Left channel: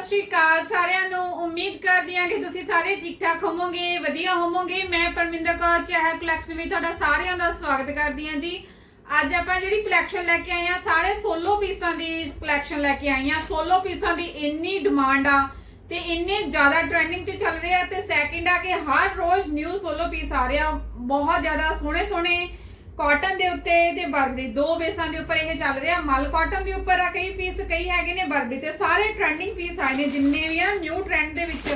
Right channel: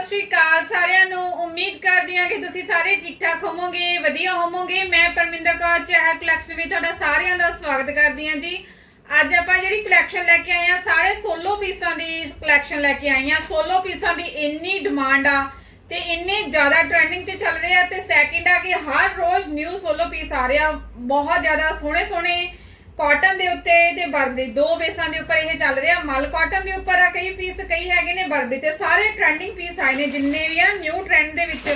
ਸਤਿ ਸ਼੍ਰੀ ਅਕਾਲ ਸਾਰਿਆਂ ਨੂੰ। ਉਮੀਦ ਕਰਦੀ ਹਾਂ ਕਿ ਤੁਸੀਂ ਸਾਰੇ ਠੀਕ ਠਾਕ ਹੋਵੋਗੇ, ਵਧੀਆ ਹੋਵੋਗੇ। ਮੈਂ ਪਰਮਿੰਦਰ ਕੌਰ ਚਾਹ ਕਲੈਕਸ਼ਨ ਵਿੱਚ ਤੁਹਾਡਾ ਸਾਰਿਆਂ ਦਾ ਸਵਾਗਤ ਕਰਦੀ ਹਾਂ ਜੀ। ਅੱਜ ਆਪਾਂ ਜਿਹੜੀ ਕਲੈਕਸ਼ਨ ਲੈ ਕੇ ਆਏ ਆ ਸਾਰੇ ਸੋਲੋ ਪੀਸਾਂ ਦੀ ਕਲੈਕਸ਼ਨ ਲੈ ਕੇ ਆਏ ਆ ਸੋਲੋ ਪੀਸਾਂ ਦੀ ਇੰਨੀ ਡਿਮਾਂਡ ਆ ਤੇ ਇੰਨੇ ਜ਼ਿਆਦਾ ਟ੍ਰੈਂਡਿੰਗ 'ਚ ਚੱਲ ਰਹੇ ਆ ਤੇ ਸੈਕਿੰਡ ਆ ਕਿ ਹਰ ਰੋਜ਼ ਨਿਊ ਸੋਲੋ ਪੀਸ ਆ ਰਿਹਾ। ਬਹੁਤ ਜ਼ਿਆਦਾ ਸੋਹਣੇ ਸੋਹਣੇ ਕਾਟਨ ਦੇ ਉੱਤੇ ਤੇ ਬਰਬਰੀ ਦੋ ਬੇਸਾਂ ਦੇ ਉੱਪਰ ਇਹ ਚੱਲ ਰਿਹਾ। ਮਲ ਕਾਟਨ ਦੇ ਉੱਪਰ ਆ ਕਈ ਪੀਸ ਕਈ ਹੈਗੇ ਨੇ ਬਰਬਰੀ ਤੇ। ਸਾਰੇ ਟ੍ਰੈਂਡਿੰਗ ਪੀਸ ਆਏ ਨੇ, ਜਿੰਨੇ ਵੀ ਆ ਨਿਊ ਟ੍ਰੈਂਡ ਦੇ ਵਿੱਚ।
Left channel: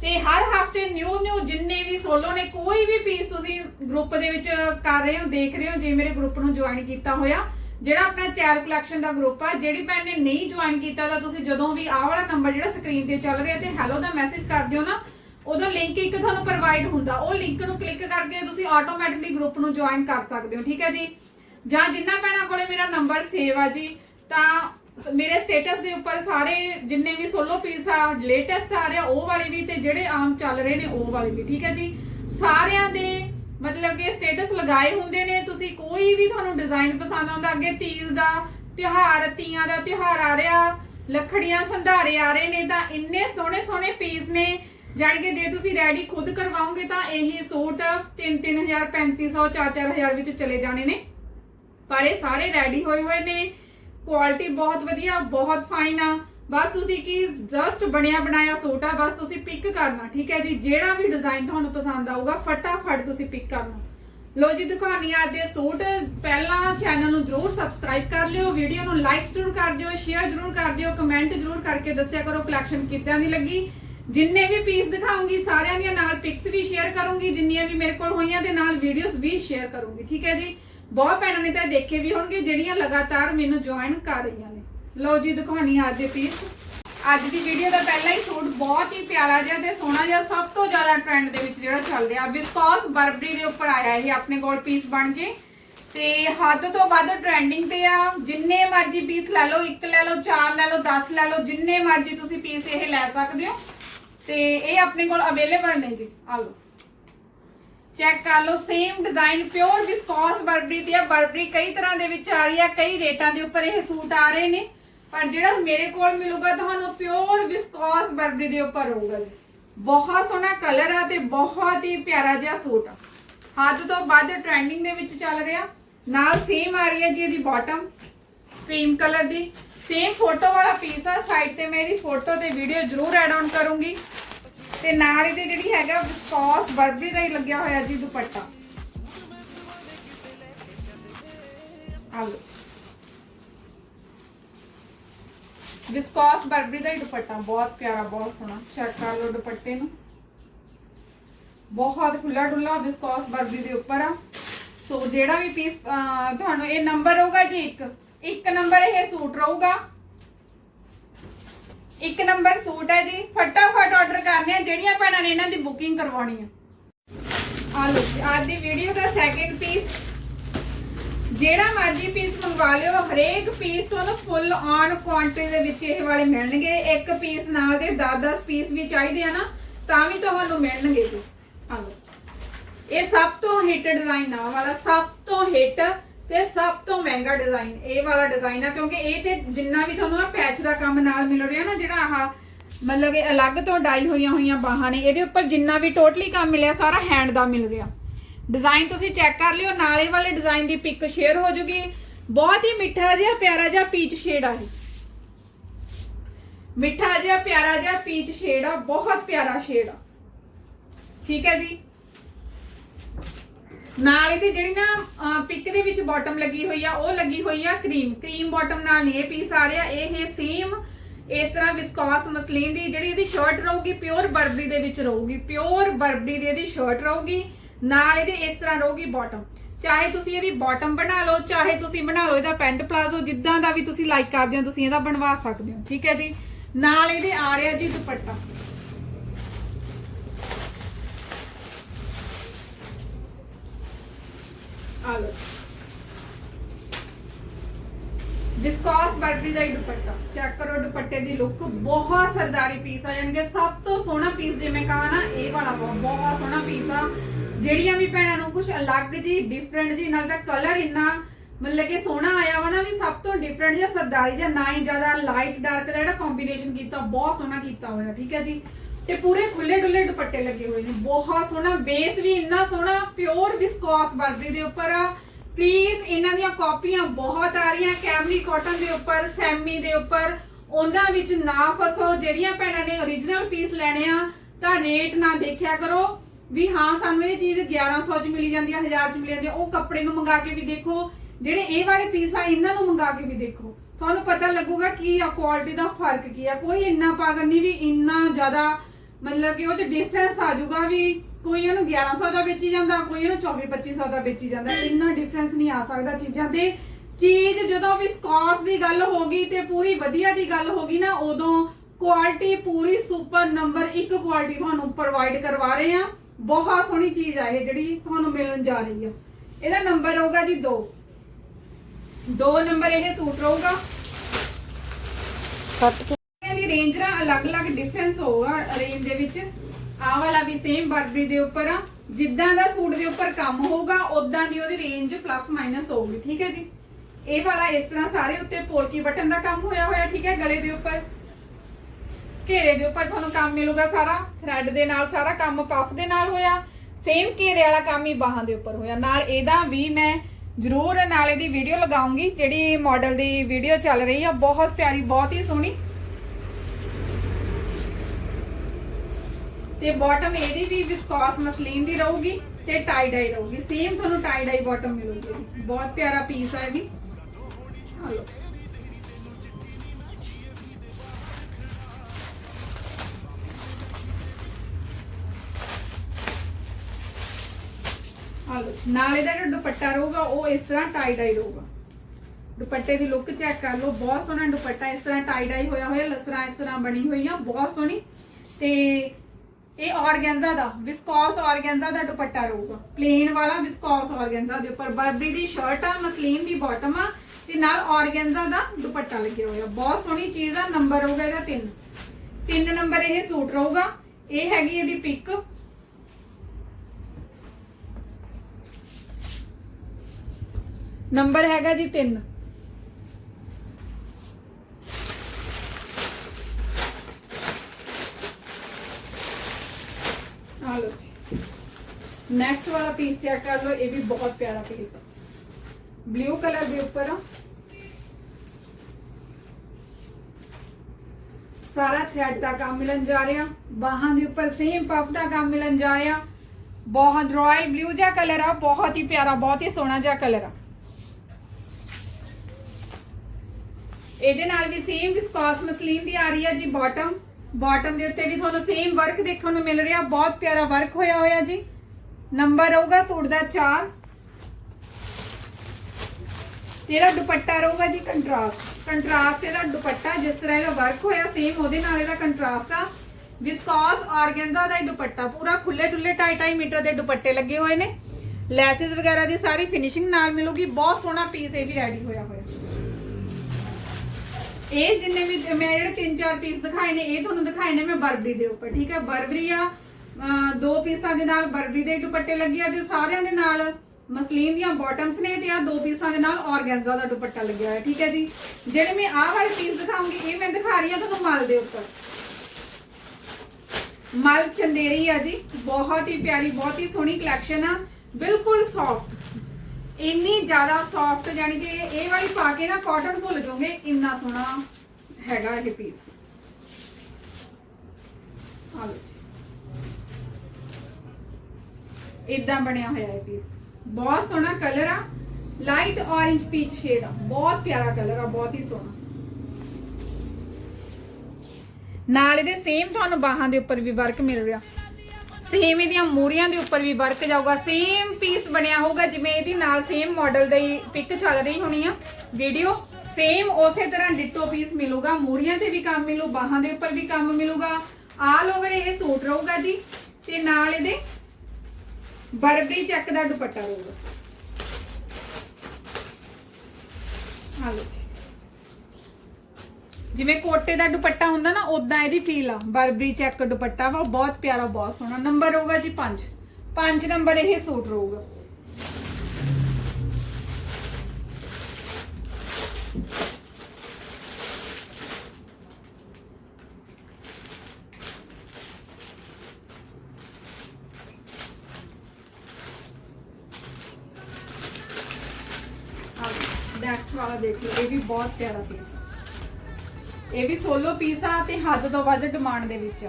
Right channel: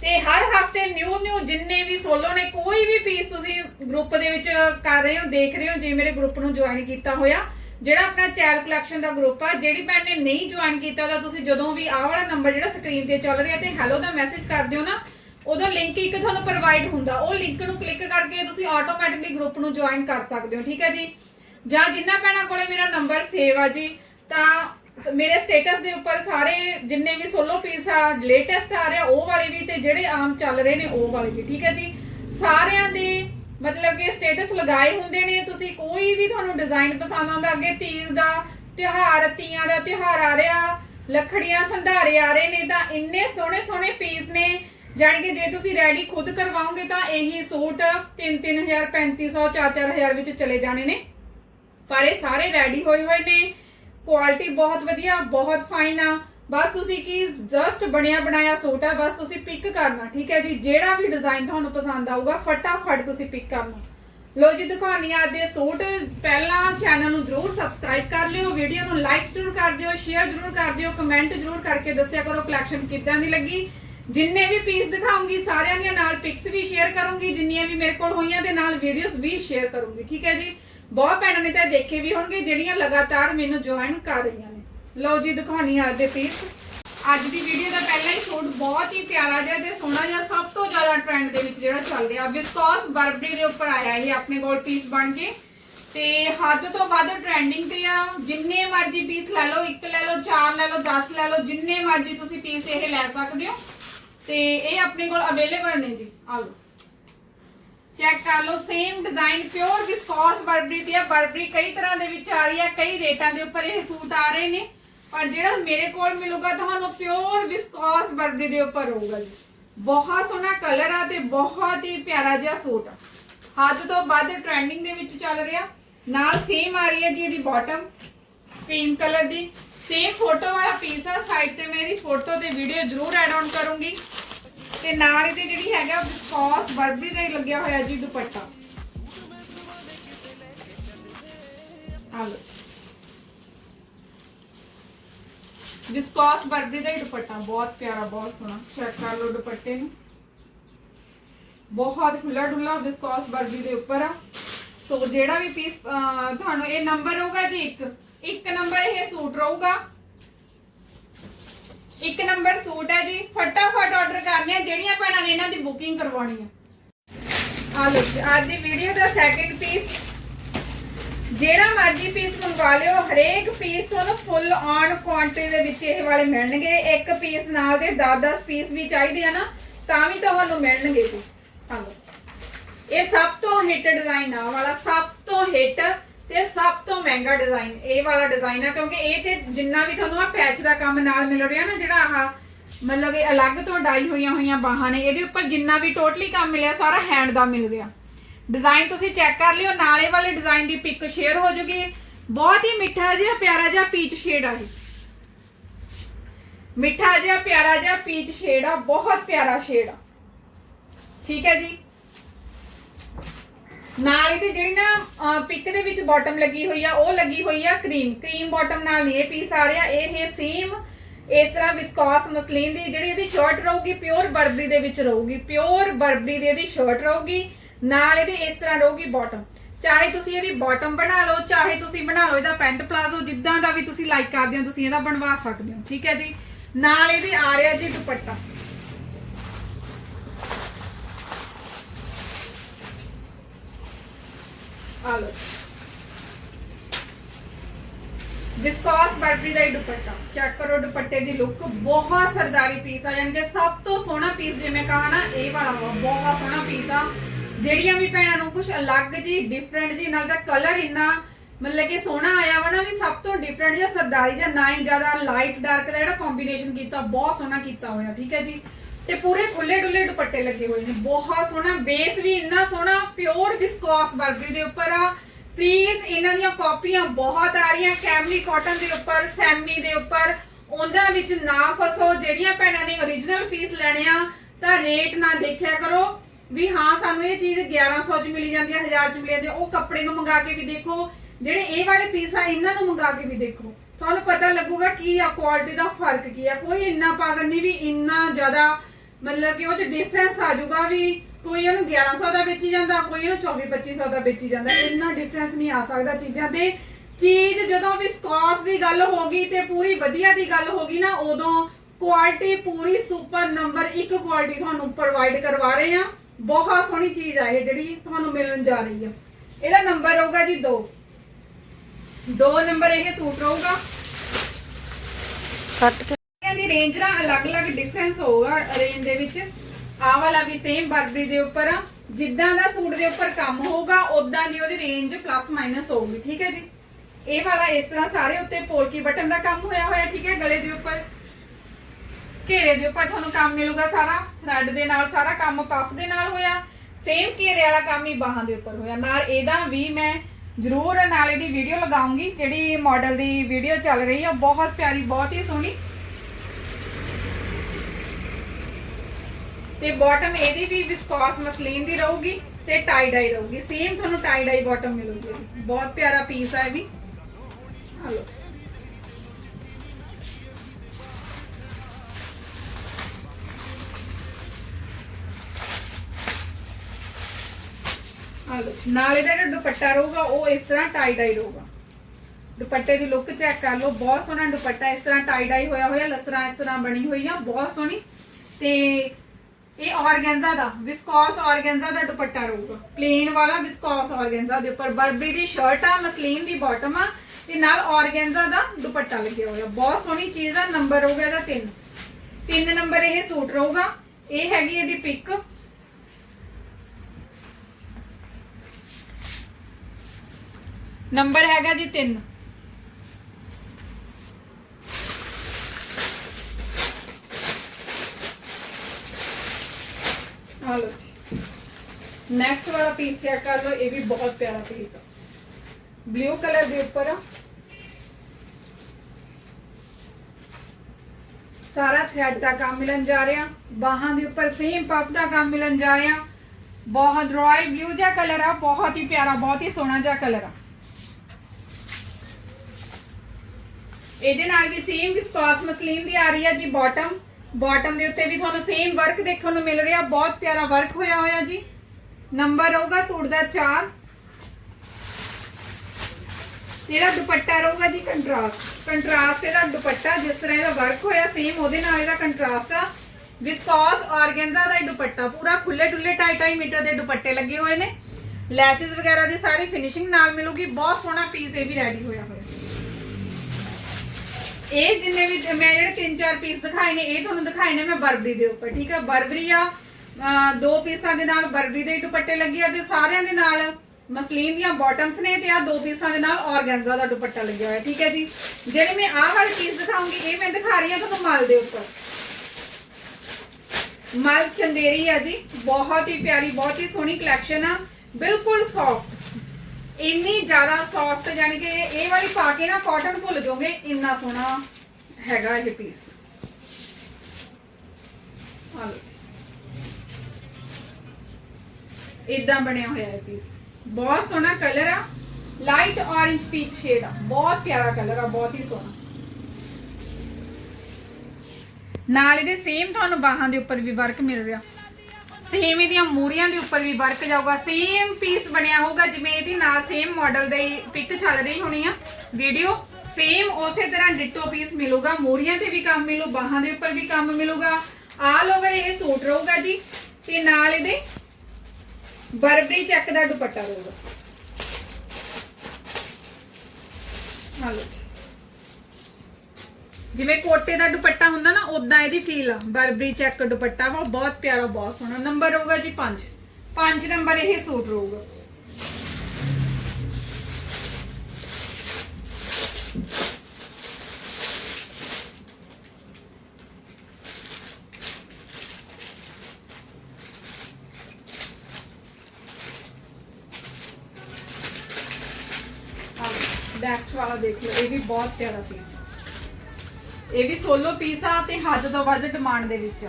ਤੇ ਹਰ ਹਫ਼ਤੇ ਨਿਊ ਨਿਊ ਜਿੰਨੇ ਵੀ ਸੋਲੋ ਨੇ, ਕੋਈ ਵੀ ਪੀਸ ਤੁਸੀਂ ਗਰੁੱਪ ਦੇ ਵਿੱਚ ਕਰ ਰਹੇ ਹੋ, ਦੇਖ ਰਹੇ ਹੋ, ਜੇ ਮੇਰੇ ਗਰੁੱਪ ਨੂੰ ਜੁਆਇਨ ਕੀਤਾ ਹੋਇਆ, ਜਿਹੜਾ ਆਪਣਾ ਚੈਰ ਕਲੈਕਸ਼ਨ ਦਾ ਗਰੁੱਪ ਆ, ਜਿਹੜੀ ਭੈਣ ਨੇ ਨਹੀਂ ਜੁਆਇਨ ਕੀਤਾ, ਤਾਂ ਤੁਸੀਂ ਜਦੋਂ ਵੀ ਆਹ ਵਾਲਾ ਨੰਬਰ ਜਿਹੜਾ ਸਕਰੀਨ ਤੇ ਚੱਲ ਰਿਹਾ ਤੇ ਹੈਲੋ ਦਾ ਮੈਸੇਜ ਕਰ ਦਿਓ ਨਾ ਉਦੋਂ ਲਿੰਕ ਇੱਕ ਤੁਹਾਨੂੰ ਪ੍ਰੋਵਾਈਡ ਹੁੰਦਾ। ਉਹ ਲਿੰਕ ਨੂੰ ਕਲਿੱਕ ਕਰਕੇ ਤੁਸੀਂ ਆਟੋਮੈਟਿਕਲੀ ਗਰੁੱਪ ਨੂੰ ਜੁਆਇਨ ਕਰ ਸਕਦੇ ਹੋ, ਠੀਕ ਹੈ ਜੀ? ਜਾਂ ਜਿੰਨਾ ਭੈਣਾਂ ਕੋਲੇ ਮੇਰਾ ਨੰਬਰ ਸੇਵ ਆ ਜੀ, ਤਾਂ ਮੇਰੇ ਸਟੇਟਸ ਦੇ ਉੱਪਰ ਸਾਰੇ ਜਿੰਨੇ ਵੀ ਸੋਲੋ ਪੀਸ ਆ ਲੇਟੈਸਟ ਆ ਰਿਹਾ, ਉਹ ਵਾਲੇ ਵੀ ਤੇ ਜਿਹੜੇ ਆਮ ਚੱਲ ਰਹੇ ਨੇ, ਉਹ ਵਾਲੇ ਵੀ, ਠੀਕ ਹੈ ਜੀ? ਸਾਰਿਆਂ ਦੇ ਮਤਲਬ ਕਿ ਸਟੇਟਸ ਲਗਾਏ ਹੁੰਦੇ ਨੇ। ਤੁਸੀਂ ਕੋਈ ਵੀ ਤੁਹਾਨੂੰ ਡਿਜ਼ਾਈਨ ਪਸੰਦ ਆਉਂਦਾ, ਅੱਗੇ ਤੀਜ ਦਾ ਤਿਉਹਾਰ, ਤੀਆਂ ਦਾ ਤਿਉਹਾਰ ਆ ਰਿਹਾ, ਲੱਖੜੀਆਂ, ਸੰਧਾਰੇ ਆ ਰਹੇ ਨੇ, ਤਾਂ ਇੰਨੇ ਸੋਹਣੇ ਸੋਹਣੇ ਪੀਸ ਨੇ ਜਾਣੀ ਕਿ ਜੇ ਤੁਸੀਂ ਰੈਡੀ ਖੁਦ ਕਰਵਾਓਗੇ ਤਾਂ ਇਹ ਸੂਟ 3-3000 3500 4-4000 ਵਿੱਚ ਚਲੇ ਜਾਣੇ ਨੇ। ਪਰ ਇਹ ਸਾਰੇ ਰੈਡੀ ਹੋਏ ਹੋਏ ਨੇ। ਕੁਆਲਿਟੀ ਬਹੁਤ ਵਧੀਆ, ਬਹੁਤ ਫਾਈਨ ਆ। ਬਸ ਤੁਸੀਂ ਕੀ ਜਸਟ ਬਣਿਆ ਬਣਾਇਆ ਸੂਟ ਆ, ਬਸ ਤੁਸੀਂ ਪਿਕ ਕਰਨਾ, ਠੀਕ ਹੈ ਜੀ? ਜਿਹੜਾ ਵੀ ਡਿਜ਼ਾਈਨ ਤੁਹਾਨੂੰ ਪਸੰਦ ਆਊਗਾ, ਫਟਾਫਟ ਤੁਸੀਂ ਪਿਕ ਕਰਨਾ ਲੋ ਜੀ ਦਿਖਾਉਣੀ ਆ ਦੇ ਸੂਟ, ਪਹਿਲਾਂ ਚੈਨਲ ਨੂੰ ਜਰੂਰ ਸਬਸਕ੍ਰਾਈਬ ਕਰ ਲਿਓ ਵੀਡੀਓ ਨੂੰ ਲਾਈਕ ਜਰੂਰ ਕਰ ਦਿਓ ਸ਼ੇਅਰ ਜਰੂਰ ਕਰ ਦਿਓ ਕਮੈਂਟ ਜਰੂਰ ਕਰਕੇ ਦੱਸਿਆ ਕਰੋ ਕਲੈਕਸ਼ਨ ਕਿੱਦਾਂ ਦੀ ਲੱਗੀ। ਜਿੰਨੇ ਵੀ ਪੀਸ ਦਿਖਾਉਂਗੀ, ਸਾਰਿਆਂ ਦੀਆਂ ਨਾਲ ਪਿਕਸ ਵੀ ਸ਼ੇਅਰ ਕਰੂੰਗੀ, ਜਿੰਨੀਆਂ ਵੀ ਮੇਰੇ ਕੋਲ ਹੋਈਆਂ ਤੇ ਨਾਲ ਵੀਡੀਓਜ਼ ਵੀ ਸ਼ੇਅਰ ਕਰੂੰਗੀ, ਠੀਕ ਹੈ ਜੀ? ਬਹੁਤ ਭੈਣਾਂ ਨੇ ਤਾਂ ਦੇਖੇ ਵੀ ਹੋਣਗੇ, ਜਿਹੜੀਆਂ ਲਗਾਤਾਰ ਮੈਨੂੰ ਜੁਆਇਨ ਕਰ ਰਹੀਆਂ ਨੇ। ਲਓ ਜੀ, ਦਿਖਾਉਣੀ ਆ ਅੱਜ ਦੇ ਪੀਸ ਅੱਜ ਦੀ ਵੀਡੀਓ ਦਾ ਪਹਿਲਾ ਹੀ ਸੂਟ ਬਹੁਤ ਹੀ ਪਿਆਰਾ ਜਿਹਾ ਤੇ ਸੋਹਣਾ ਜਿਹਾ, ਸਭ ਤੋਂ ਜ਼ਿਆਦਾ ਟ੍ਰੈਂਡ ਦੇ ਵਿੱਚ ਜਿਹੜਾ ਚੱਲ ਰਿਹਾ ਵਿਸਕੋਸ ਬਰਬਰੀ ਦੇ ਉੱਪਰ ਆਇਆ ਇਹ ਆਪਣੇ ਕੋਲ ਪੀਸ ਬਣ ਕੇ। ਤੇ ਹੱਦ ਤੋਂ ਵੱਧ ਟ੍ਰੈਂਡਿੰਗ ਤੇ ਆ, ਜਿੰਨੇ ਮਰਜ਼ੀ ਪੀਸ ਲੈ ਲਓ, ਇੱਕ ਲੈ ਲਓ, ਚਾਰ ਲੈ ਲਓ 10 ਲੈ ਲਓ, ਜਿੰਨੇ ਮਰਜ਼ੀ ਤੁਸੀਂ ਪੀਸ ਇਹ ਲੈ ਸਕਦੇ ਹੋ। ਤੇ ਇਹ ਆਪਣੇ ਕੋਲ ਅਵੇਲੇਬਲ ਨੇ ਜੀ, ਆ ਲਓ। ਚੈੱਕ ਕਰ ਲਓ same design pure viscose Burberry ਦੀ ਆ। ਬਰਬਰੀ ਕਈ ਤਰ੍ਹਾਂ ਦੇ ਵਿੱਚ ਆ ਰਹੀ ਆ, ਕਈ ਰੇਟਾਂ ਦੇ ਉੱਪਰ ਇਹ ਸੂਟ ਆ ਰਹੇ ਨੇ। ਪਰ ਜਿਹੜਾ ਮੇਰੇ ਕੋਲ ਮਿਲੂਗਾ, ਤੁਹਾਨੂੰ ਪਿਓਰ ਵਿਸਕੋਸ ਬਰਬਰੀ ਦੇ ਉੱਪਰ ਹੋਊਗਾ ਜੀ। ਬਹੁਤ ਸੋਹਣਾ ਕਲਰ ਆ ਤੇ ਬਹੁਤ ਹੀ ਪਿਆਰਾ ਜਿਹਾ ਸੂਟ ਆ। ਹੱਦ ਤੋਂ ਵੱਧ ਟ੍ਰੈਂਡਿੰਗ ਦੇ ਵਿੱਚ ਚੱਲ ਰਿਹਾ, ਨਾਲ ਸੇਮ ਆ ਰਹੀ ਹੈ ਜੀ ਇਹਦੀ ਬਾਟਮ ਕਰੀਮ ਕਲਰ ਦੀ। ਸੇਮ ਫੋਟੋ ਵਾਲਾ ਪੀਸ ਆ ਸਾਈਡ ਤੇ ਮੈਂ ਇਹਦੀ ਫੋਟੋ ਤੇ ਵੀਡੀਓ ਜ਼ਰੂਰ ਐਡ ਆਨ ਕਰੂੰਗੀ। ਤੇ ਨਾਲ ਇਹਦੇ ਜਿਹੜੀ ਹੈਗਾ ਵਿਸਕੋਸ ਬਰਬਰੀ ਦਾ ਹੀ ਲੱਗਿਆ ਹੋਇਆ ਜੀ ਦੁਪੱਟਾ। ਆ ਲਓ ਬਰਬਰੀ ਦਾ ਹੀ ਦੁਪੱਟਾ, ਬਹੁਤ ਪਿਆਰਾ, ਬਹੁਤ ਸੋਹਣਾ। ਚੈੱਕ ਕਰ ਲਓ ਦੁਪੱਟੇ ਨੂੰ। ਬਹੁਤ ਖੁੱਲਾ ਡੁੱਲਾ ਵਿਸਕੋਸ ਬਰਬਰੀ ਦੇ ਉੱਪਰ ਆ। ਸੋ ਜਿਹੜਾ ਵੀ ਪੀਸ ਤੁਹਾਨੂੰ, ਇਹ ਨੰਬਰ ਹੋਊਗਾ ਜੀ ਇੱਕ। ਇੱਕ ਨੰਬਰ ਇਹ ਸੂਟ ਰਹੂਗਾ। ਇੱਕ ਨੰਬਰ ਸੂਟ ਹੈ ਜੀ, ਫਟਾਫਟ ਆਰਡਰ ਕਰਨੇ ਆ, ਜਿਹੜੀਆਂ ਭੈਣਾਂ ਨੇ ਇਹਨਾਂ ਦੀ ਬੁਕਿੰਗ ਕਰਵਾਉਣੀ ਹੈ ਆ ਲਓ ਜੀ ਅੱਜ ਦੀ ਵੀਡੀਓ ਦਾ ਸੈਕਿੰਡ ਪੀਸ ਜਿਹੜਾ ਮਰਜ਼ੀ ਪੀਸ ਮੰਗਵਾ ਲਿਓ, ਹਰੇਕ ਪੀਸ ਤੁਹਾਨੂੰ ਫੁੱਲ ਔਨ ਕੁਆਂਟੀਟੀ ਦੇ ਵਿੱਚ ਇਹ ਵਾਲੇ ਮਿਲਣਗੇ। ਇੱਕ ਪੀਸ ਨਾਲ ਦੇ 10-10 ਪੀਸ ਵੀ ਚਾਹੀਦੇ ਆ ਨਾ, ਤਾਂ ਵੀ ਤੁਹਾਨੂੰ ਮਿਲਣਗੇ ਜੀ। ਆ ਇਹ ਸਭ ਤੋਂ ਹਿੱਟ ਡਿਜ਼ਾਈਨ ਆ ਵਾਲਾ, ਸਭ ਤੋਂ ਹਿੱਟ ਤੇ ਸਭ ਤੋਂ ਮਹਿੰਗਾ ਡਿਜ਼ਾਈਨ ਇਹ ਵਾਲਾ ਡਿਜ਼ਾਈਨ ਆ, ਕਿਉਂਕਿ ਇਹ ਤੇ ਜਿੰਨਾ ਵੀ ਤੁਹਾਨੂੰ ਆ ਪੈਚ ਦਾ ਕੰਮ ਨਾਲ ਮਿਲ ਰਿਹਾ ਨਾ, ਜਿਹੜਾ ਆਹ ਮਤਲਬ ਕਿ ਅਲੱਗ ਤੋਂ ਡਾਈ ਹੋਈਆਂ ਹੋਈਆਂ ਬਾਹਾਂ ਨੇ, ਇਹਦੇ ਉੱਪਰ ਜਿੰਨਾ ਵੀ ਟੋਟਲੀ ਕੰਮ ਮਿਲਿਆ, ਸਾਰਾ ਹੈਂਡ ਦਾ ਮਿਲ ਰਿਹਾ। ਡਿਜ਼ਾਈਨ ਤੁਸੀਂ ਚੈੱਕ ਕਰ ਲਿਓ, ਨਾਲੇ ਵਾਲੇ ਡਿਜ਼ਾਈਨ ਦੀ ਪਿਕ ਸ਼ੇਅਰ ਹੋ ਜੂਗੀ। ਬਹੁਤ ਹੀ ਮਿੱਠਾ ਜਿਹਾ, ਪਿਆਰਾ ਜਿਹਾ ਪੀਚ ਸ਼ੇਡ ਆ ਇਹ। ਮਿੱਠਾ ਜਿਹਾ, ਪਿਆਰਾ ਜਿਹਾ ਪੀਚ ਸ਼ੇਡ ਆ, ਬਹੁਤ ਪਿਆਰਾ ਸ਼ੇਡ ਆ। ਠੀਕ ਹੈ ਜੀ? ਨਾਲ ਇਹਦੀ ਜਿਹੜੀ ਨਾ ਪਿਕ ਦੇ ਵਿੱਚ ਬਾਟਮ ਲੱਗੀ ਹੋਈ ਆ, ਉਹ ਲੱਗੀ ਹੋਈ ਆ ਕਰੀਮ ਕਰੀਮ ਬਾਟਮ ਨਾਲ ਨਹੀਂ, ਇਹ ਪੀਸ ਆ ਰਿਹਾ, ਇਹ ਸੇਮ ਇਸ ਤਰ੍ਹਾਂ ਵਿਸਕੋਸ ਮਸਲੀਨ ਦੀ ਜਿਹੜੀ ਇਹਦੀ ਸ਼ਰਟ ਰਹੂਗੀ ਪਿਓਰ ਬਰਬਰੀ ਦੇ ਵਿੱਚ ਰਹੂਗੀ ਪਿਓਰ ਬਰਬਰੀ ਦੀ ਇਹਦੀ ਸ਼ਰਟ ਰਹੂਗੀ, ਨਾਲ ਇਹਦੀ ਇਸ ਤਰ੍ਹਾਂ ਰਹੂਗੀ ਬਾਟਮ ਚਾਹੇ ਤੁਸੀਂ ਇਹਦੀ ਬਾਟਮ ਬਣਾ ਲਓ, ਚਾਹੇ ਤੁਸੀਂ ਬਣਾ ਲਓ, ਇਹਦਾ ਪੈਂਟ ਪਲਾਜ਼ੋ ਜਿੱਦਾਂ ਦਾ ਵੀ ਤੁਸੀਂ ਲਾਈਕ ਕਰਦੇ ਹੋ, ਤੁਸੀਂ ਇਹਦਾ ਬਣਵਾ ਸਕਦੇ ਹੋ, ਠੀਕ ਹੈ ਜੀ? ਨਾਲ ਇਹਦੇ ਆ ਰਿਹਾ ਜੀ ਦੁਪੱਟਾ। ਆ ਲਓ ਵਿਸਕੋਸ ਬਰਬਰੀ ਦਾ ਹੀ ਦੁਪੱਟਾ। ਚੈੱਕ ਕਰੋ ਦੁਪੱਟੇ ਦੀ ਲੁੱਕ ਬਹੁਤ ਸਰਦਾਰੀ ਪੀਸ ਆ ਜਾਣਗੇ ਸਭ ਤੋਂ ਸੋਹਣਾ ਪੀਸ ਜਿਵੇਂ ਕਹਾ ਨਾ, ਇਹ ਵਾਲਾ ਬਹੁਤ ਸੋਹਣਾ ਪੀਸ ਆ। ਜਿਹੜੀਆਂ ਵੀ ਭੈਣਾਂ ਨੂੰ ਕੁਝ ਅਲੱਗ ਜੀ ਡਿਫਰੈਂਟ ਜੀ, ਨਾਲ ਤਾਂ ਕਲਰ ਇੰਨਾ ਮਤਲਬ ਕਿ ਸੋਹਣਾ ਆਇਆ ਵਾ ਨਾ ਵੀ ਸਭ ਤੋਂ ਡਿਫਰੈਂਟ ਜਿਹਾ ਸਰਦਾਰੀ ਜਾਂ ਨਾ ਹੀ ਜ਼ਿਆਦਾ ਲਾਈਟ ਡਾਰਕ ਦਾ ਜਿਹੜਾ ਕੰਬੀਨੇਸ਼ਨ ਕੀਤਾ, ਬਹੁਤ ਸੋਹਣਾ ਕੀਤਾ ਹੋਇਆ, ਠੀਕ ਹੈ ਜੀ? ਤੇ ਪੂਰੇ ਖੁੱਲੇ ਡੁੱਲੇ ਦੁਪੱਟੇ ਲੱਗੇ ਹੋਏ ਨੇ। ਬਹੁਤ ਸੋਹਣਾ ਬੇਸ ਵੀ ਇੰਨਾ ਸੋਹਣਾ ਪਿਓਰ ਵਿਸਕੋਸ ਬਰਬਰੀ ਦੇ ਉੱਪਰ ਆ। ਪਲੀਜ਼ ਇਹਨਾਂ ਦੀਆਂ ਕਾਪੀਆਂ ਬਹੁਤ ਆ ਰਹੀਆਂ ਕੈਮਰੀ ਕਾਟਨ ਦੇ ਉੱਪਰ ਸੈਮੀ ਦੇ ਉੱਪਰ। ਉਹਨਾਂ ਵਿੱਚ ਨਾ ਫਸੋ, ਜਿਹੜੀਆਂ ਭੈਣਾਂ ਨੇ origignal ਪੀਸ ਲੈਣੇ ਆ, ਤਾਂ ਰੇਟ ਨਾ ਦੇਖਿਆ ਕਰੋ। ਵੀ ਹਾਂ, ਸਾਨੂੰ ਇਹ ਚੀਜ਼ 1100 ਚ ਮਿਲੀ ਜਾਂਦੀ ਹੈ 1000 ਚ ਮਿਲ ਜਾਂਦੀ ਉਹ ਕੱਪੜੇ ਨੂੰ ਮੰਗਾ ਕੇ ਵੀ ਦੇਖੋ। ਜਿਹੜੇ ਇਹ ਵਾਲੇ ਪੀਸ ਆ, ਇਹਨਾਂ ਨੂੰ ਮੰਗਾ ਕੇ ਵੀ ਦੇਖੋ। ਤੁਹਾਨੂੰ ਪਤਾ ਲੱਗੂਗਾ ਕੀ ਆ ਕੁਆਲਿਟੀ ਦਾ ਫ਼ਰਕ ਕੀ ਆ। ਕੋਈ ਇੰਨਾ ਪਾਗਲ ਨਹੀਂ ਵੀ ਇੰਨਾ ਜ਼ਿਆਦਾ ਮਤਲਬ ਕਿ ਉਹ ਚ ਡਿਫਰੈਂਸ ਆ ਜਾਊਗਾ ਵੀ ਕੋਈ ਉਹਨੂੰ 1100 ਦਾ ਵੇਚੀ ਜਾਂਦਾ, ਕੋਈ ਉਹਨੂੰ 24 2500 ਦਾ ਵੇਚੀ ਜਾਂਦਾ। ਇੰਨਾ ਡਿਫਰੈਂਸ ਨਹੀਂ ਆ ਸਕਦਾ ਚੀਜ਼ਾਂ ਦੇ ਚੀਜ਼ ਜਦੋਂ ਵਿਸਕੋਸ ਦੀ ਗੱਲ ਹੋ ਤੇ ਪੂਰੀ ਵਧੀਆ ਦੀ ਗੱਲ ਹੋ ਨਾ, ਉਦੋਂ ਕੁਆਲਿਟੀ ਪੂਰੀ ਸੁਪਰ ਨੰਬਰ 1 ਕੁਆਲਿਟੀ ਤੁਹਾਨੂੰ ਪ੍ਰੋਵਾਈਡ ਕਰਵਾ ਰਹੇ ਆ। ਬਹੁਤ ਸੋਹਣੀ ਚੀਜ਼ ਆ ਇਹ ਜਿਹੜੀ ਤੁਹਾਨੂੰ ਮਿਲਣ ਜਾ ਰਹੀ ਆ। ਇਹਦਾ ਨੰਬਰ ਹੋਊਗਾ ਜੀ 2 2 ਨੰਬਰ ਇਹ ਸੂਟ ਰਹੂਗਾ। ਕੱਟ ਕੇ ਇਹਨਾਂ ਦੀ ਰੇਂਜ ਦਾ ਅਲੱਗ-ਅਲੱਗ ਡਿਫਰੈਂਸ ਹੋਊਗਾ ਰੇਂਜ ਦੇ ਵਿੱਚ। ਆਹ ਵਾਲਾ ਵੀ ਸੇਮ ਬਰਬਰੀ ਦੇ ਉੱਪਰ ਆ। ਜਿੱਦਾਂ ਦਾ ਸੂਟ ਦੇ ਉੱਪਰ ਕੰਮ ਹੋਊਗਾ ਉਦਾਂ ਦੀ ਉਹਦੀ ਰੇਂਜ ਪਲੱਸ ਮਾਈਨਸ ਹੋਊਗੀ, ਠੀਕ ਹੈ ਜੀ? ਇਹ ਵਾਲਾ ਇਸ ਤਰ੍ਹਾਂ ਸਾਰੇ ਉੱਤੇ ਪੋਲਕੀ ਬਟਨ ਦਾ ਕੰਮ ਹੋਇਆ ਹੋਇਆ, ਠੀਕ ਹੈ? ਗਲੇ ਦੇ ਉੱਪਰ, ਘੇਰੇ ਦੇ ਉੱਪਰ ਤੁਹਾਨੂੰ ਕੰਮ ਮਿਲੂਗਾ ਸਾਰਾ। ਥ੍ਰੈਡ ਦੇ ਨਾਲ ਸਾਰਾ ਕੰਮ ਪਫ ਦੇ ਨਾਲ ਹੋਇਆ। ਸੇਮ ਘੇਰੇ ਵਾਲਾ ਕੰਮ ਹੀ ਬਾਹਾਂ ਦੇ ਉੱਪਰ ਹੋਇਆ। ਨਾਲ ਇਹਦਾ ਵੀ ਮੈਂ ਜ਼ਰੂਰ ਨਾਲ ਇਹਦੀ ਵੀਡੀਓ ਲਗਾਉਂਗੀ, ਜਿਹੜੀ ਮਾਡਲ ਦੀ ਵੀਡੀਓ ਚੱਲ ਰਹੀ ਆ। ਬਹੁਤ ਪਿਆਰੀ, ਬਹੁਤ ਹੀ ਸੋਹਣੀ। ਤੇ ਬਾਟਮ ਇਹਦੀ ਵੀ ਵਿਸਕੋਸ ਮਸਲੀਨ ਦੀ ਰਹੂਗੀ ਤੇ ਟਾਈ ਡਾਈ ਰਹੂਗੀ। ਸੇਮ ਤੁਹਾਨੂੰ ਟਾਈ ਡਾਈ ਬਾਟਮ ਮਿਲੂਗੀ। ਬਹੁਤ ਪਿਆਰਾ ਪੀਸ ਆ ਇਹ ਵੀ। ਆ ਨਾਲ ਇਹਦਾ ਜਿਹੜਾ ਦੁਪੱਟਾ ਰਹੂਗਾ, ਉਹ ਇਸ ਤਰ੍ਹਾਂ ਟਾਈ ਡਾਈ ਰਹੂਗਾ। ਦੁਪੱਟੇ ਦੀ ਲੁੱਕ ਚੈੱਕ ਕਰ ਲਓ। ਬਹੁਤ ਸੋਹਣਾ ਦੁਪੱਟਾ ਇਸ ਤਰ੍ਹਾਂ ਟਾਈ ਡਾਈ ਹੋਇਆ ਹੋਇਆ, ਲਸਰਾਂ ਇਸ ਤਰ੍ਹਾਂ ਬਣੀ ਹੋਈ ਆ, ਬਹੁਤ ਸੋਹਣੀ। ਤੇ ਇਹ ਆਰਗੈਂਜ਼ਾ ਦਾ ਵਿਸਕੋਸ ਆਰਗੈਂਜ਼ਾ ਦਾ ਦੁਪੱਟਾ ਰਹੂਗਾ। ਪਲੇਨ ਵਾਲਾ ਵਿਸਕੋਸ ਆਰਗੈਂਜ਼ਾ ਦੇ ਉੱਪਰ। ਬਰਬਰੀ ਦੀ ਸ਼ਰਟ ਆ, ਮਸਲੀਨ ਦੀ ਬਾਟਮ ਆ, ਤੇ ਨਾਲ ਆਰਗੈਂਜ਼ਾ ਦਾ ਦੁਪੱਟਾ ਲੱਗਿਆ ਹੋਇਆ। ਬਹੁਤ ਸੋਹਣੀ ਚੀਜ਼ ਆ ਨੰਬਰ ਹੋਊਗਾ ਇਹਦਾ 3 ਤਿੰਨ ਨੰਬਰ ਇਹ ਸੂਟ ਰਹੂਗਾ। ਇਹ ਹੈਗੀ ਇਹਦੀ ਪਿਕ ਨੰਬਰ ਹੈਗਾ ਜੀ 3 ਆ ਲਓ ਜੀ। ਨੈਕਸਟ ਵਾਲਾ ਪੀਸ ਚੈੱਕ ਕਰ ਲਓ, ਇਹ ਵੀ ਬਹੁਤ ਪਿਆਰਾ ਪੀਸ ਆ। ਬਲੂ ਕਲਰ ਦੇ ਉੱਪਰ ਆ। ਸਾਰਾ ਥ੍ਰੈਡ ਦਾ ਕੰਮ ਮਿਲਣ ਜਾ ਰਿਹਾ। ਬਾਹਾਂ ਦੇ ਉੱਪਰ ਸੇਮ ਪਫ ਦਾ ਕੰਮ ਮਿਲਣ ਜਾ ਰਿਹਾ। ਬਹੁਤ ਰਾਇਲ ਬਲੂ ਜਿਹਾ ਕਲਰ ਆ, ਬਹੁਤ ਹੀ ਪਿਆਰਾ, ਬਹੁਤ ਹੀ ਸੋਹਣਾ ਜਿਹਾ ਕਲਰ ਆ। ਇਹਦੇ ਨਾਲ ਵੀ ਸੇਮ ਵਿਸਕੋਸ ਮਸਲੀਨ ਦੀ ਆ ਰਹੀ ਆ ਜੀ ਬਾਟਮ ਬਾਟਮ ਦੇ ਉੱਤੇ ਵੀ ਤੁਹਾਨੂੰ ਸੇਮ ਵਰਕ ਦੇਖਣ ਨੂੰ ਮਿਲ ਰਿਹਾ। ਬਹੁਤ ਪਿਆਰਾ ਵਰਕ ਹੋਇਆ ਹੋਇਆ ਜੀ। ਨੰਬਰ ਰਹੂਗਾ ਸੂਟ ਦਾ 4 ਇਹਦਾ ਦੁਪੱਟਾ ਰਹੂਗਾ ਜੀ ਕੰਟਰਾਸਟ ਕੰਟਰਾਸਟ ਇਹਦਾ ਦੁਪੱਟਾ, ਜਿਸ ਤਰ੍ਹਾਂ ਇਹਦਾ ਵਰਕ ਹੋਇਆ ਸੇਮ ਉਹਦੇ ਨਾਲ ਇਹਦਾ ਕੰਟਰਾਸਟ ਆ। ਵਿਸਕੋਸ ਆਰਗੈਂਜ਼ਾ ਦਾ ਹੀ ਦੁਪੱਟਾ, ਪੂਰਾ ਖੁੱਲੇ ਡੁੱਲੇ 2.5 ਮੀਟਰ ਦੇ ਦੁਪੱਟੇ ਲੱਗੇ ਹੋਏ ਨੇ। ਲੈਸਸ ਵਗੈਰਾ ਦੀ ਸਾਰੀ ਫਿਨਿਸ਼ਿੰਗ ਨਾਲ ਮਿਲੂਗੀ। ਬਹੁਤ ਸੋਹਣਾ ਪੀਸ ਇਹ ਵੀ ਰੈਡੀ ਹੋਇਆ ਹੋਇਆ। ਇਹ ਜਿੰਨੇ ਵੀ ਮੈਂ ਜਿਹੜੇ ਤਿੰਨ ਚਾਰ ਪੀਸ ਦਿਖਾਏ ਨੇ, ਇਹ ਤੁਹਾਨੂੰ ਦਿਖਾਏ ਨੇ, ਮੈਂ ਬਰਬਰੀ ਦੇ ਉੱਪਰ, ਠੀਕ ਹੈ ਬਰਬਰੀ ਆ ਦੋ ਪੀਸਾਂ ਦੇ ਨਾਲ ਬਰਬਰੀ ਦੇ ਦੁਪੱਟੇ ਲੱਗੇ ਤੇ ਸਾਰਿਆਂ ਦੇ ਨਾਲ ਮਸਲੀਨ ਦੀਆਂ ਬਾਟਮਸ ਨੇ ਤੇ ਆ ਦੋ ਪੀਸਾਂ ਦੇ ਨਾਲ ਔਰਗੈਂਜਾ ਦਾ ਦੁਪੱਟਾ ਲੱਗਿਆ ਹੋਇਆ, ਠੀਕ ਹੈ ਜੀ? ਜਿਹੜੇ ਮੈਂ ਆਹ ਵਾਲੇ ਪੀਸ ਦਿਖਾਉਂਗੀ, ਇਹ ਮੈਂ ਦਿਖਾ ਰਹੀ ਹਾਂ ਤੁਹਾਨੂੰ ਮਲ ਦੇ ਉੱਪਰ। ਮਲ ਚੰਦੇਰੀ ਆ ਜੀ, ਬਹੁਤ ਹੀ ਪਿਆਰੀ, ਬਹੁਤ ਹੀ ਸੋਹਣੀ ਕਲੈਕਸ਼ਨ ਆ, ਬਿਲਕੁਲ ਸੌਫਟ ਇੰਨੀ ਜ਼ਿਆਦਾ ਸੌਫਟ ਯਾਨੀ ਕਿ ਇਹ ਵਾਲੀ ਪਾ ਕੇ ਨਾ ਕਾਟਨ ਭੁੱਲ ਜਾਓਗੇ, ਇੰਨਾ ਸੋਹਣਾ ਹੈਗਾ ਇਹ ਪੀਸ ਆ ਲਓ ਜੀ। ਇਦਾਂ ਬਣਿਆ ਹੋਇਆ ਹੈ ਪੀਸ ਬਹੁਤ ਸੋਹਣਾ ਕਲਰ ਆ। ਲਾਈਟ orange ਪੀਚ ਸ਼ੇਡ ਆ। ਬਹੁਤ ਪਿਆਰਾ ਕਲਰ ਆ, ਬਹੁਤ ਹੀ ਸੋਹਣਾ। ਨਾਲ ਇਹਦੇ ਸੇਮ ਤੁਹਾਨੂੰ ਬਾਹਾਂ ਦੇ ਉੱਪਰ ਵੀ ਵਰਕ ਮਿਲ ਰਿਹਾ। ਸੇਮ ਇਹਦੀਆਂ ਮੂਰੀਆਂ ਦੇ ਉੱਪਰ ਵੀ ਵਰਕ ਜਾਊਗਾ। ਸੇਮ ਪੀਸ ਬਣਿਆ ਹੋਊਗਾ, ਜਿਵੇਂ ਇਹਦੀ ਨਾਲ ਸੇਮ ਮਾਡਲ ਦੇ ਪਿਕ ਚੱਲ ਰਹੀ ਹੋਣੀ ਆ। ਵੀਡੀਓ ਸੇਮ ਉਸੇ ਤਰ੍ਹਾਂ ਡਿਟੋ ਪੀਸ ਮਿਲੂਗਾ। ਮੂਰੀਆਂ ਤੇ ਵੀ ਕੰਮ ਮਿਲੂ, ਬਾਹਾਂ ਦੇ ਉੱਪਰ ਵੀ ਕੰਮ ਮਿਲੂਗਾ। ਆਲ ਓਵਰ ਇਹ ਸੂਟ ਰਹੂਗਾ ਜੀ। ਤੇ ਨਾਲ ਇਹਦੇ ਬਰਬਰੀ ਚੈੱਕ ਦਾ ਦੁਪੱਟਾ ਰਹੂਗਾ। ਆ ਜਿਵੇਂ ਕੋਟੇ ਦਾ ਦੁਪੱਟਾ ਹੁੰਦਾ ਨਾ ਉਦਾਂ ਇਹਦੀ ਫੀਲ ਆ। ਬਰਬਰੀ ਚੈੱਕ ਦੁਪੱਟਾ ਵਾ ਬਹੁਤ ਪਿਆਰਾ, ਬਹੁਤ ਸੋਹਣਾ ਨੰਬਰ ਹੋਊਗਾ ਜੀ 5 5 ਨੰਬਰ ਇਹ ਸੂਟ ਰਹੂਗਾ। ਵਾਲਾ ਦੇਖ ਲਓ, ਇਹ ਵੀ ਬਹੁਤ ਪਿਆਰਾ ਪੀਸ ਇਹ ਵੀ ਸੋਲੋ ਪੀਸ ਆ ਤੇ ਹੱਦ ਤੋਂ ਵੱਧ ਡਿਮਾਂਡ ਦੇ ਵਿੱਚ।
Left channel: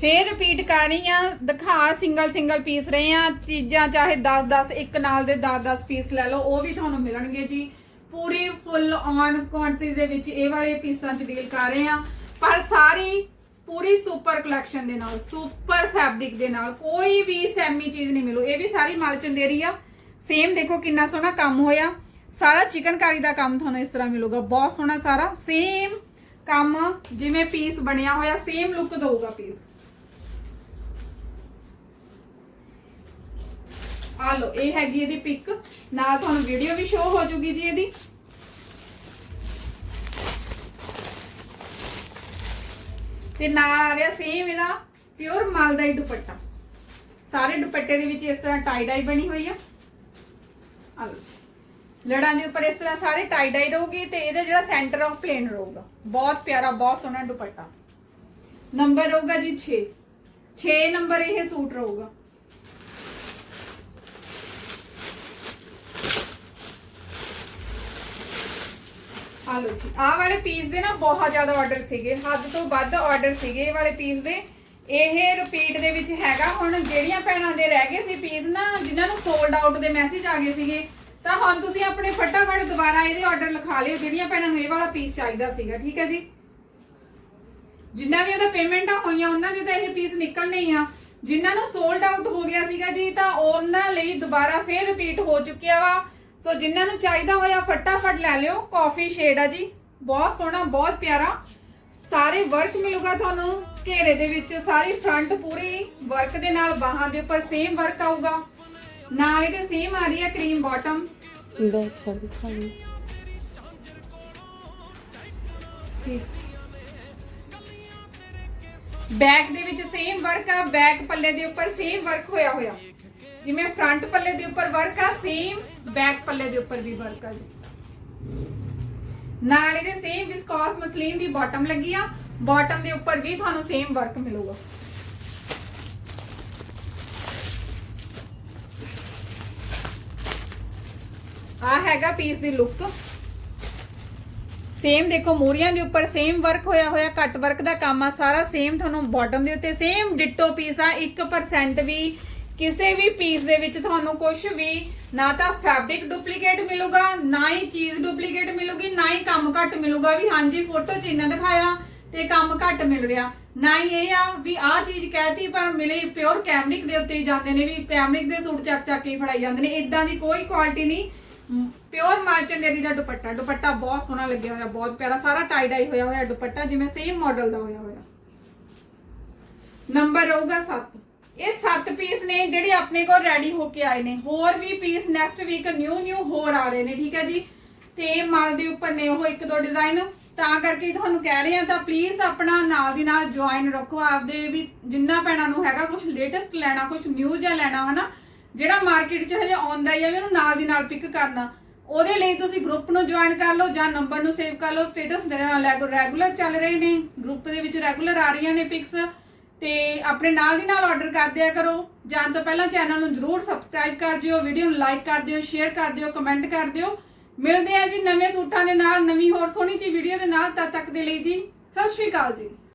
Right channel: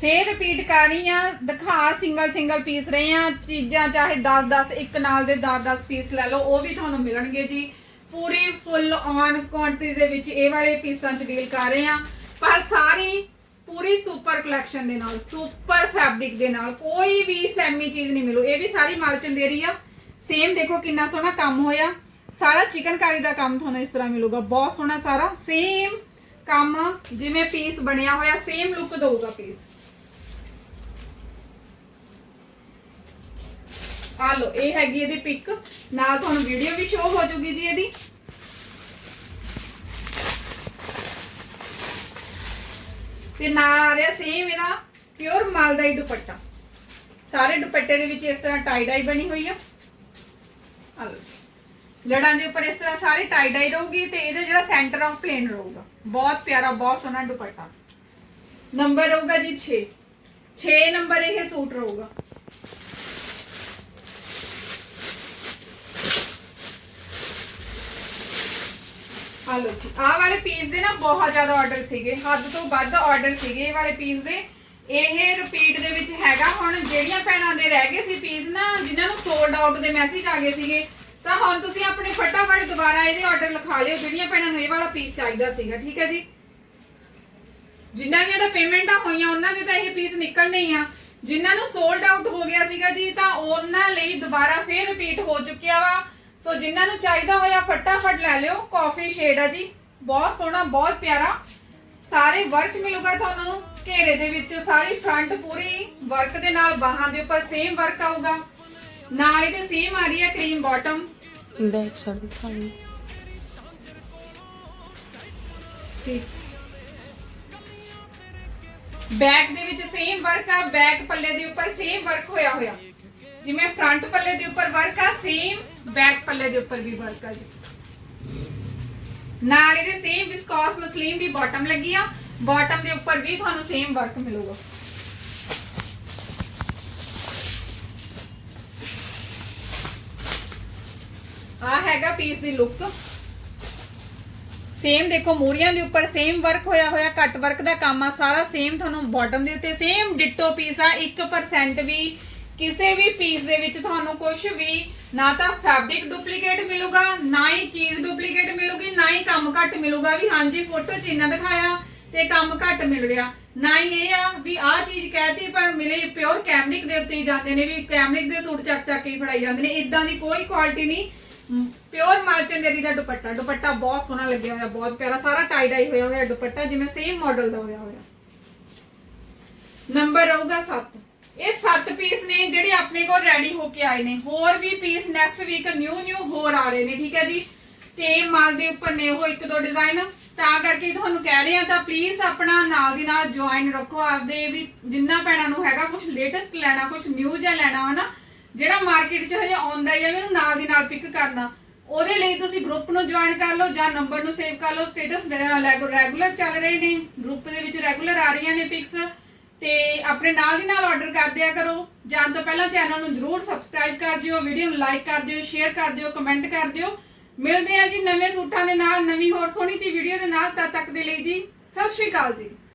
ਫੇਰ ਰਿਪੀਟ ਕਰ ਰਹੀ ਆ ਦਿਖਾ ਸਿੰਗਲ ਸਿੰਗਲ ਪੀਸ ਰਹੇ ਆ ਚੀਜ਼ਾਂ ਚਾਹੇ 10 10 ਇੱਕ ਨਾਲ ਦੇ 10 10 ਪੀਸ ਲੈ ਲਓ, ਉਹ ਵੀ ਤੁਹਾਨੂੰ ਮਿਲਣਗੇ ਜੀ। ਪੂਰੀ ਫੁੱਲ ਔਨ ਕੁਆਂਟੀਟੀ ਦੇ ਵਿੱਚ ਇਹ ਵਾਲੇ ਪੀਸਾਂ ਚ ਡੀਲ ਕਰ ਰਹੇ ਆ ਪਰ ਸਾਰੀ ਪੂਰੀ ਸੁਪਰ ਕਲੈਕਸ਼ਨ ਦੇ ਨਾਲ ਸੁਪਰ ਫੈਬਰਿਕ ਦੇ ਨਾਲ, ਕੋਈ ਵੀ ਸੈਮੀ ਚੀਜ਼ ਨਹੀਂ ਮਿਲੂ। ਇਹ ਵੀ ਸਾਰੀ ਮਾਲਚੰਦੇਰੀ ਆ ਸੇਮ ਦੇਖੋ ਕਿੰਨਾ ਸੋਹਣਾ ਕੰਮ ਹੋਇਆ। ਸਾਰਾ ਚਿਕਨਕਾਰੀ ਦਾ ਕੰਮ ਤੁਹਾਨੂੰ ਇਸ ਤਰ੍ਹਾਂ ਮਿਲੂਗਾ। ਬਹੁਤ ਸੋਹਣਾ ਸਾਰਾ। ਸੇਮ ਕੰਮ ਜਿਵੇਂ ਪੀਸ ਬਣਿਆ ਹੋਇਆ ਸੇਮ ਲੁੱਕ ਦਊਗਾ ਪੀਸ ਆ ਲੋ ਇਹ ਹੈਗੀ ਇਹਦੀ ਪਿਕ ਨਾਲ ਤੁਹਾਨੂੰ ਵੀਡੀਓ ਵੀ ਸ਼ੋ ਹੋ ਜੂਗੀ ਜੀ ਇਹਦੀ। ਤੇ ਨਾਲ ਆ ਰਿਹਾ ਸੇਮ ਇਹਦਾ ਪਿਓਰ ਮਾਲਦਾਈ ਦੁਪੱਟਾ। ਸਾਰੇ ਦੁਪੱਟੇ ਦੇ ਵਿੱਚ ਇਸ ਤਰ੍ਹਾਂ ਟਾਈ ਡਾਈ ਬਣੀ ਹੋਈ ਆ। ਆ ਲਓ ਜੀ। ਲੜਾਂ ਦੇ ਉੱਪਰ ਇਸ ਤਰ੍ਹਾਂ ਸਾਰੇ ਟਾਈ ਡਾਈ ਰਹੂਗੀ ਤੇ ਇਹਦਾ ਜਿਹੜਾ ਸੈਂਟਰ ਆਫ ਪਲੇਨ ਰਹੂਗਾ। ਬਹੁਤ ਪਿਆਰਾ, ਬਹੁਤ ਸੋਹਣਾ ਦੁਪੱਟਾ। ਨੰਬਰ ਰਹੂਗਾ ਜੀ 6 6 ਨੰਬਰ ਇਹ ਸੂਟ ਰਹੂਗਾ। ਆ ਲਓ ਜੀ। ਆਹ ਵਾਲੇ ਪੀਸ ਦੇ ਨਾ ਬਹੁਤ ਜ਼ਿਆਦਾ ਆਰਡਰ ਸੀਗੇ। ਹੱਦ ਤੋਂ ਵੱਧ ਆਰਡਰ ਸੀਗੇ ਇਹ ਵਾਲੇ ਪੀਸ ਦੇ। ਇਹ ਰਿਪੀਟ ਦੇ ਵਿੱਚ ਹੈਗਾ। ਹੁਣ ਜਿਹੜੀਆਂ ਭੈਣਾਂ ਦੇ ਰਹਿ ਗਏ ਸੀ ਪੀਸ ਨਾ, ਜਿਨ੍ਹਾਂ ਨੂੰ ਸੋਲਡ ਆਊਟ ਦੇ ਮੈਸੇਜ ਆ ਗਏ ਸੀਗੇ ਤਾਂ ਹੁਣ ਤੁਸੀਂ ਆਪਣੇ ਫਟਾਫਟ ਦੁਬਾਰਾ ਇਹਦੇ ਆਰਡਰ ਲਿਖਾ ਲਿਓ, ਜਿਹੜੀਆਂ ਭੈਣਾਂ ਨੂੰ ਇਹ ਵਾਲਾ ਪੀਸ ਚਾਹੀਦਾ ਸੀਗਾ, ਠੀਕ ਹੈ ਜੀ? ਜਿਨ੍ਹਾਂ ਦੀਆਂ ਤਾਂ ਪੇਮੈਂਟਾਂ ਹੋਈਆਂ, ਉਹਨਾਂ ਦੇ ਤਾਂ ਇਹ ਪੀਸ ਨਿਕਲਣੇ ਹੀ ਆ। ਜਿਨ੍ਹਾਂ ਨੂੰ ਸੋਲਡ ਆਊਟ ਹੋ ਗਿਆ ਸੀਗਾ ਜੀ, ਤਾਂ ਉਹਨਾਂ ਲਈ ਦੁਬਾਰਾ ਫੇਰ ਰਿਪੀਟ ਹੋ ਚੁੱਕਿਆ ਵਾ। ਸੋ ਜਿਨ੍ਹਾਂ ਨੂੰ ਚਾਹੀਦਾ ਹੋਇਆ, ਫਟਾਫਟ ਲੈ ਲਿਓ ਕਾਫੀ ਸ਼ੇਡ ਆ ਜੀ। ਬਹੁਤ ਸੋਹਣਾ, ਬਹੁਤ ਪਿਆਰਾ। ਸਾਰੇ ਵਰਕ ਮਿਲੂਗਾ ਤੁਹਾਨੂੰ ਘੇਰੇ ਦੇ ਵਿੱਚ, ਸਾਰੀ ਫਰੰਟ ਪੂਰੀ ਵਰਕ ਦੇ ਨਾਲ ਬਾਹਾਂ ਦੇ ਉੱਪਰ ਸੇਮ ਵਰਕ ਆਊਗਾ। ਨਾਲ ਇਹਦੇ ਸੇਮ ਆ ਰਹੀ ਹੈ ਕਰੀਮ ਬਾਟਮ ਬੈਕ ਸਾਈਡ ਦਿਖਾਈ ਬੈਕ ਦੇ ਵਿੱਚ ਸੇਮ ਵਰਕ ਆ ਬੈਕ ਪੱਲੇ ਦੇ ਉੱਪਰ ਸੇਮ ਵਰਕ ਹੋਇਆ ਹੋਇਆ। ਜਿਵੇਂ ਫਰੰਟ ਪੱਲੇ ਦੇ ਉੱਪਰ ਵਰਕ ਆ ਸੇਮ ਬੈਕ ਪੱਲੇ ਦੇ ਉੱਪਰ ਵੀ ਵਰਕ ਆ ਜੀ। ਨਾਲ ਇਹਦੇ ਸੇਮ ਵਿਸਕੋਸ ਮਸਲੀਨ ਦੀ ਬਾਟਮ ਲੱਗੀ ਆ। ਬਾਟਮ ਦੇ ਉੱਪਰ ਵੀ ਤੁਹਾਨੂੰ ਸੇਮ ਵਰਕ ਮਿਲੂਗਾ। ਆ ਹੈਗਾ ਪੀਸ ਦੀ ਲੁੱਕ ਸੇਮ ਦੇਖੋ, ਮੂਰੀਆਂ ਦੇ ਉੱਪਰ ਸੇਮ ਵਰਕ ਹੋਇਆ ਹੋਇਆ ਕੱਟ ਵਰਕ ਦਾ ਕੰਮ ਆ, ਸਾਰਾ ਸੇਮ ਤੁਹਾਨੂੰ ਬਾਟਮ ਦੇ ਉੱਤੇ ਸੇਮ ਡਿਟੋ ਪੀਸ ਆ 1% ਵੀ ਕਿਸੇ ਵੀ ਪੀਸ ਦੇ ਵਿੱਚ ਤੁਹਾਨੂੰ ਕੁਝ ਵੀ ਨਾ ਤਾਂ ਫੈਬਰਿਕ ਡੁਪਲੀਕੇਟ ਮਿਲੂਗਾ, ਨਾ ਹੀ ਚੀਜ਼ ਡੁਪਲੀਕੇਟ ਮਿਲੂਗੀ, ਨਾ ਹੀ ਕੰਮ ਘੱਟ ਮਿਲੂਗਾ ਵੀ ਹਾਂਜੀ ਫੋਟੋ ਚ ਇੰਨਾ ਦਿਖਾਇਆ ਤੇ ਕੰਮ ਘੱਟ ਮਿਲ ਰਿਹਾ। ਨਾ ਹੀ ਇਹ ਆ ਵੀ ਆਹ ਚੀਜ਼ ਕਹਿਤੀ, ਪਰ ਮਿਲੇ ਪਿਓਰ ਕੈਮਰਿਕ ਦੇ ਉੱਤੇ ਹੀ ਜਾਂਦੇ ਨੇ, ਵੀ ਕੈਮਰਿਕ ਦੇ ਸੂਟ ਚੱਕ ਚੱਕ ਕੇ ਫੜਾਈ ਜਾਂਦੇ ਨੇ ਇਦਾਂ ਦੀ ਕੋਈ ਕੁਆਲਿਟੀ ਨਹੀਂ। ਪਿਓਰ ਮਾਰਚਨੇਰੀ ਦਾ ਦੁਪੱਟਾ ਦੁਪੱਟਾ ਬਹੁਤ ਸੋਹਣਾ ਲੱਗਿਆ ਹੋਇਆ, ਬਹੁਤ ਪਿਆਰਾ, ਸਾਰਾ ਟਾਈ ਡਾਈ ਹੋਇਆ ਹੋਇਆ ਦੁਪੱਟਾ, ਜਿਵੇਂ ਸੇਮ ਮਾਡਲ ਦਾ ਹੋਇਆ ਹੋਇਆ। ਨੰਬਰ ਰਹੂਗਾ 7 ਇਹ 7 ਪੀਸ ਨੇ ਜਿਹੜੇ ਆਪਣੇ ਕੋਲ ਰੈਡੀ ਹੋ ਕੇ ਆਏ ਨੇ। ਹੋਰ ਵੀ piece next week new new ਹੋਰ ਆ ਰਹੇ ਨੇ, ਠੀਕ ਹੈ ਜੀ? ਤੇ ਮਾਲ ਦੇ ਉੱਪਰ ਨੇ ਉਹ ਇੱਕ ਦੋ ਡਿਜ਼ਾਈਨ ਤਾਂ ਕਰਕੇ ਤੁਹਾਨੂੰ ਕਹਿ ਰਹੇ ਆ ਤਾਂ ਪਲੀਜ਼ ਆਪਣਾ ਨਾਲ ਦੀ ਨਾਲ ਜੁਆਇਨ ਰੱਖੋ। ਆਪਦੇ ਵੀ ਜਿੰਨਾ ਪੈਣਾ ਨੂੰ ਹੈਗਾ ਕੁਝ ਲੇਟੈਸਟ ਲੈਣਾ ਕੁਝ ਨਿਊ ਜਿਹਾ ਲੈਣਾ ਹਨਾ ਜਿਹੜਾ ਮਾਰਕੀਟ 'ਚ ਹਜੇ ਆਉਂਦਾ ਹੀ ਹੈ ਵੀ ਉਹਨੂੰ ਨਾਲ ਦੀ ਨਾਲ ਪਿਕ ਕਰਨਾ, ਉਹਦੇ ਲਈ ਤੁਸੀਂ ਗਰੁੱਪ ਨੂੰ ਜੁਆਇਨ ਕਰ ਲਓ ਜਾਂ ਨੰਬਰ ਨੂੰ ਸੇਵ ਕਰ ਲਓ ਸਟੇਟਸ ਰੈਗੂਲਰ ਚੱਲ ਰਹੇ ਨੇ ਗਰੁੱਪ ਦੇ ਵਿੱਚ ਰੈਗੂਲਰ ਆ ਰਹੀਆਂ ਨੇ ਪਿਕਸ ਤੇ ਆਪਣੇ ਨਾਲ ਦੀ ਨਾਲ ਆਰਡਰ ਕਰ ਦਿਆ ਕਰੋ। ਜਾਣ ਤੋਂ ਪਹਿਲਾਂ ਚੈਨਲ ਨੂੰ ਜਰੂਰ ਸਬਸਕ੍ਰਾਈਬ ਕਰ ਦਿਓ ਵੀਡੀਓ ਨੂੰ ਲਾਈਕ ਕਰ ਦਿਓ ਸ਼ੇਅਰ ਕਰ ਦਿਓ ਕਮੈਂਟ ਕਰ ਦਿਓ। ਮਿਲਦੇ ਆ ਜੀ ਨਵੇਂ ਸੂਟਾਂ ਦੇ ਨਾਲ, ਨਵੀਂ ਹੋਰ ਸੋਹਣੀ ਜੀ ਵੀਡੀਓ ਦੇ ਨਾਲ, ਤਦ ਤੱਕ ਦੇ ਲਈ ਜੀ, ਸਤਿ ਸ਼੍ਰੀ ਅਕਾਲ ਜੀ।